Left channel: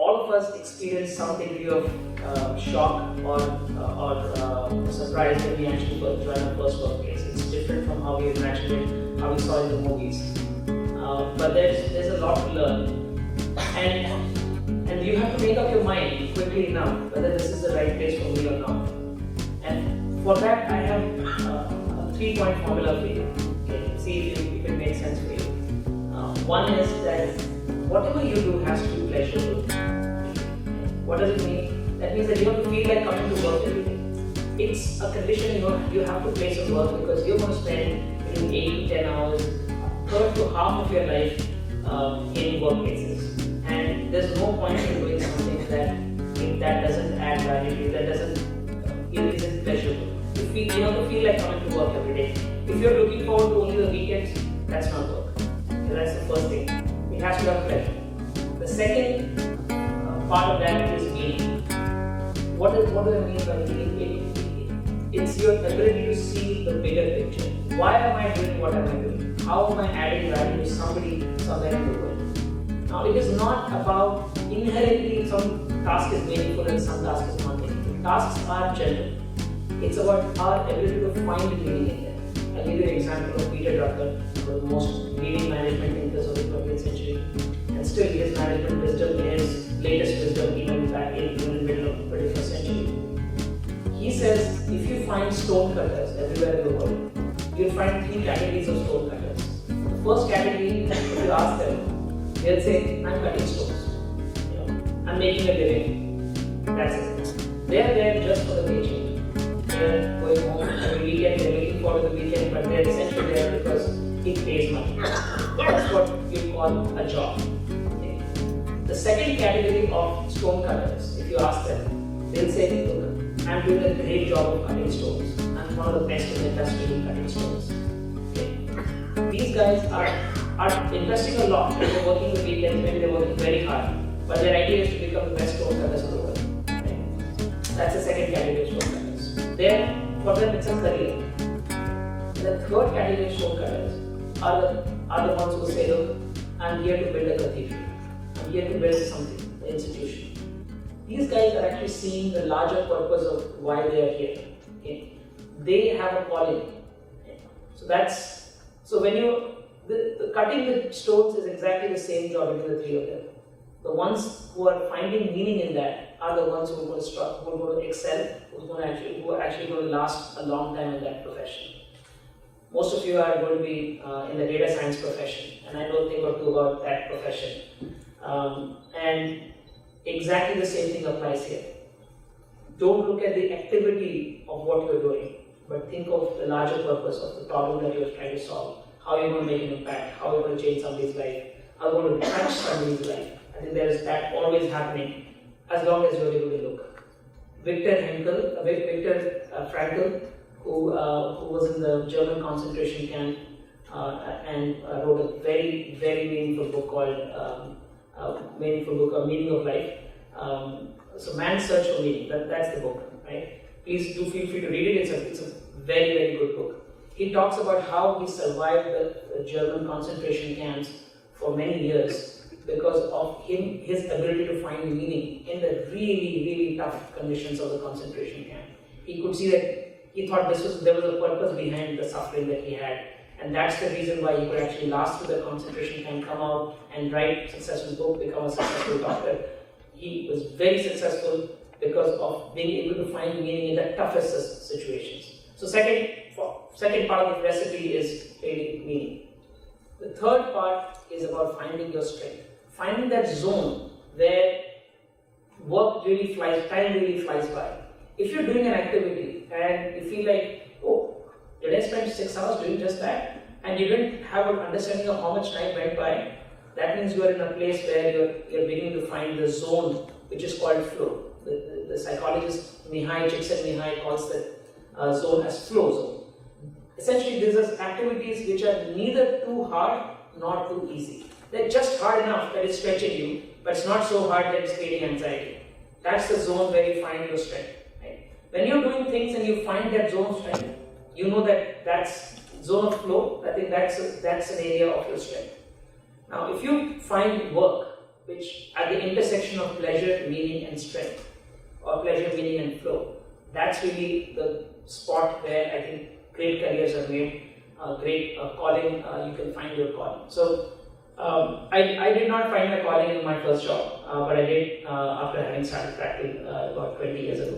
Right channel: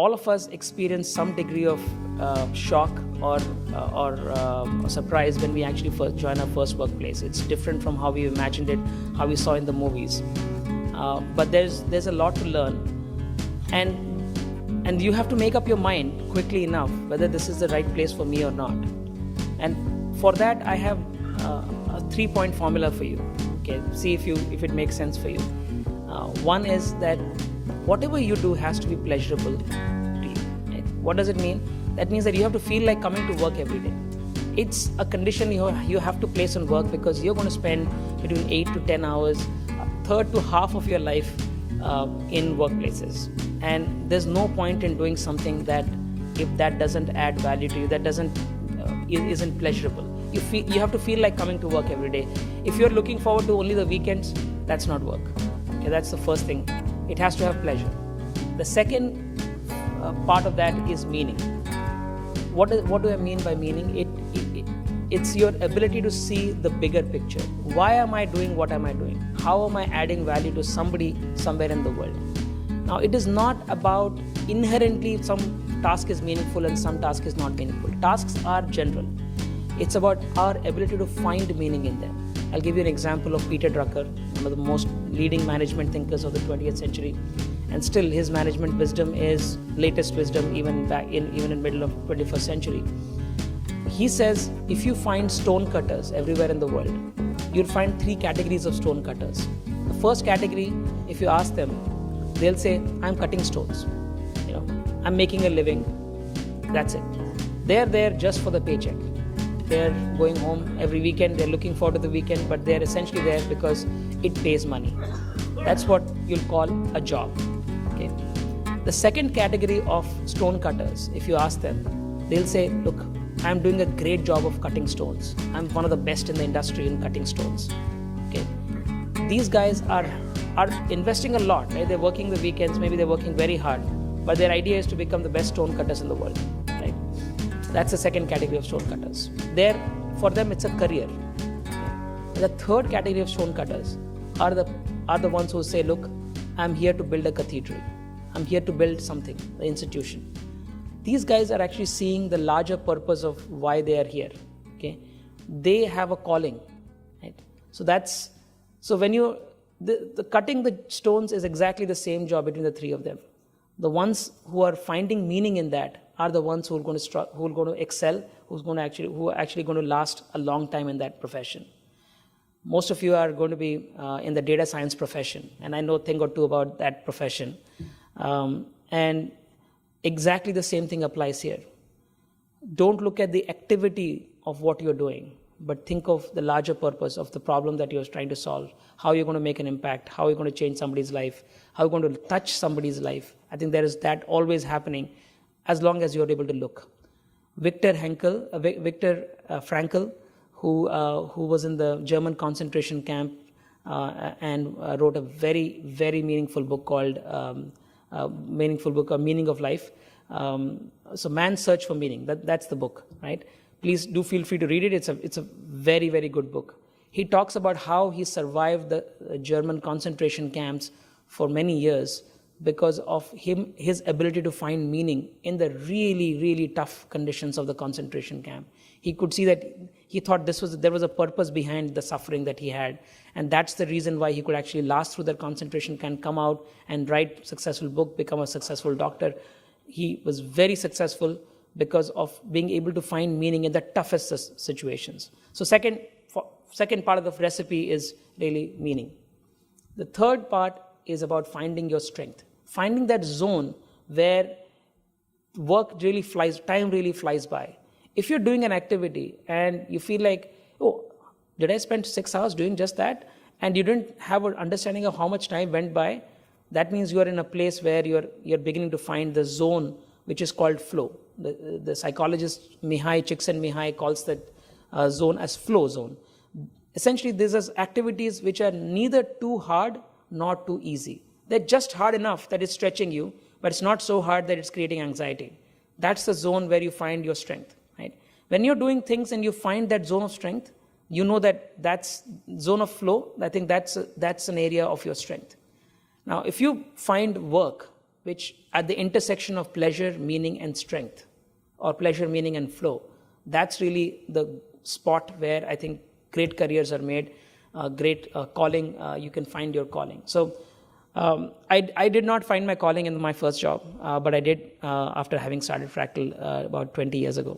all of us experience some degree of shock or surprise when we actually first join our first workplace. It's different from how we imagined it, how we saw it in the movies. But there's a lot to learn, and you have to make up your mind quickly enough whether this is the right place for me or not. And for that, I have a 3-point formula for you. Okay, see if it makes sense for you. One is that whatever you do has to be pleasurable to you. What does it mean? That means that you have to feel like coming to work every day. It's a condition you have to place on work, because you're going to spend between 8 to 10 hours, a third to half of your life in workplaces. And there's no point in doing something that, if that doesn't add value to you, that isn't pleasurable. You have to feel like coming to work every day. If you're looking forward to only the weekends, that's not work. Okay, that's the first thing. It has to have pleasure. The second part of that is meaning. What do I mean by meaning? It's your ability to see the bigger picture. Why am I doing what am I doing? How am I adding value to somebody somewhere in the world? Now, it is not about inherently some task is meaningful and some task is not meaningful. Tasks are general. It's about our ability to find meaning in them. I'll give you an example of Peter Drucker, one of the most leading management thinkers of the 20th century. And still, his management wisdom is latest wisdom even in middle of 21st century. He says, if you find stone cutters everywhere in the world, you'll find 3 categories of stone cutters. The first category, if you ask them, they'll say, I'm cutting stones. I'm making a living. That's it. They're there just for the paycheck. They're going home every weekend, they're looking forward to the weekend, but they're essentially there because it pays money. That's what you call a job. Okay. The second category of stone cutters, if you ask them, they'll say, look, I'm doing a great job of cutting stones. I'm one of the best in the industry in cutting stones. Okay. These guys are investing a lot. They're working the weekends, maybe they're working very hard, but their idea is to become the best stone cutters in the world. Right? That's the second category of stone cutters. For them, it's a career. The third category of stone cutters are the ones who say, look, I'm here to build a cathedral. I'm here to build something, the institution. These guys are actually seeing the larger purpose of why they are here. Okay, they have a calling. Right? So when the cutting the stones is exactly the same job between the 3 of them. The ones who are finding meaning in that are the ones who are going to excel, who are actually going to last a long time in that profession. Most of you are going to be in the data science profession, and I know a thing or two about that profession. And exactly the same thing applies here. Don't look at the activity of what you're doing, but think of the larger purpose of the problem that you're trying to solve. How you're going to make an impact, how you're going to change somebody's life, how you're going to touch somebody's life. I think there is that always happening as long as you're able to look. Viktor Frankl, who was in the German concentration camp and wrote a very, very meaningful book called Meaning of Life. So Man's Search for Meaning, that's the book, right? Please do feel free to read it. It's a very, very good book. He talks about how he survived the German concentration camps for many years because of his ability to find meaning in the really, really tough conditions of the concentration camp. He could see that he thought there was a purpose behind the suffering that he had, and that's the reason why he could actually last through the concentration camp, come out and write a successful book, become a successful doctor. He was very successful because of being able to find meaning in the toughest situations. So second part of the recipe is really meaning. The third part is about finding your strength. Finding that zone where time really flies by. If you're doing an activity and you feel like, oh, did I spend 6 hours doing just that? And you didn't have an understanding of how much time went by, that means you're in a place where you're beginning to find the zone which is called flow. The psychologist Csikszentmihalyi calls that zone as flow zone. Essentially, these are activities which are neither too hard nor too easy. They're just hard enough that it's stretching you, but it's not so hard that it's creating anxiety. That's the zone where you find your strength. Right? When you're doing things and you find that zone of strength, you know that's zone of flow. I think that's an area of your strength. Now, if you find work which at the intersection of pleasure, meaning, and strength, or pleasure, meaning, and flow. That's really the spot where I think great careers are made, great calling, you can find your calling. So I did not find my calling in my first job, but I did after having started Fractal about 20 years ago.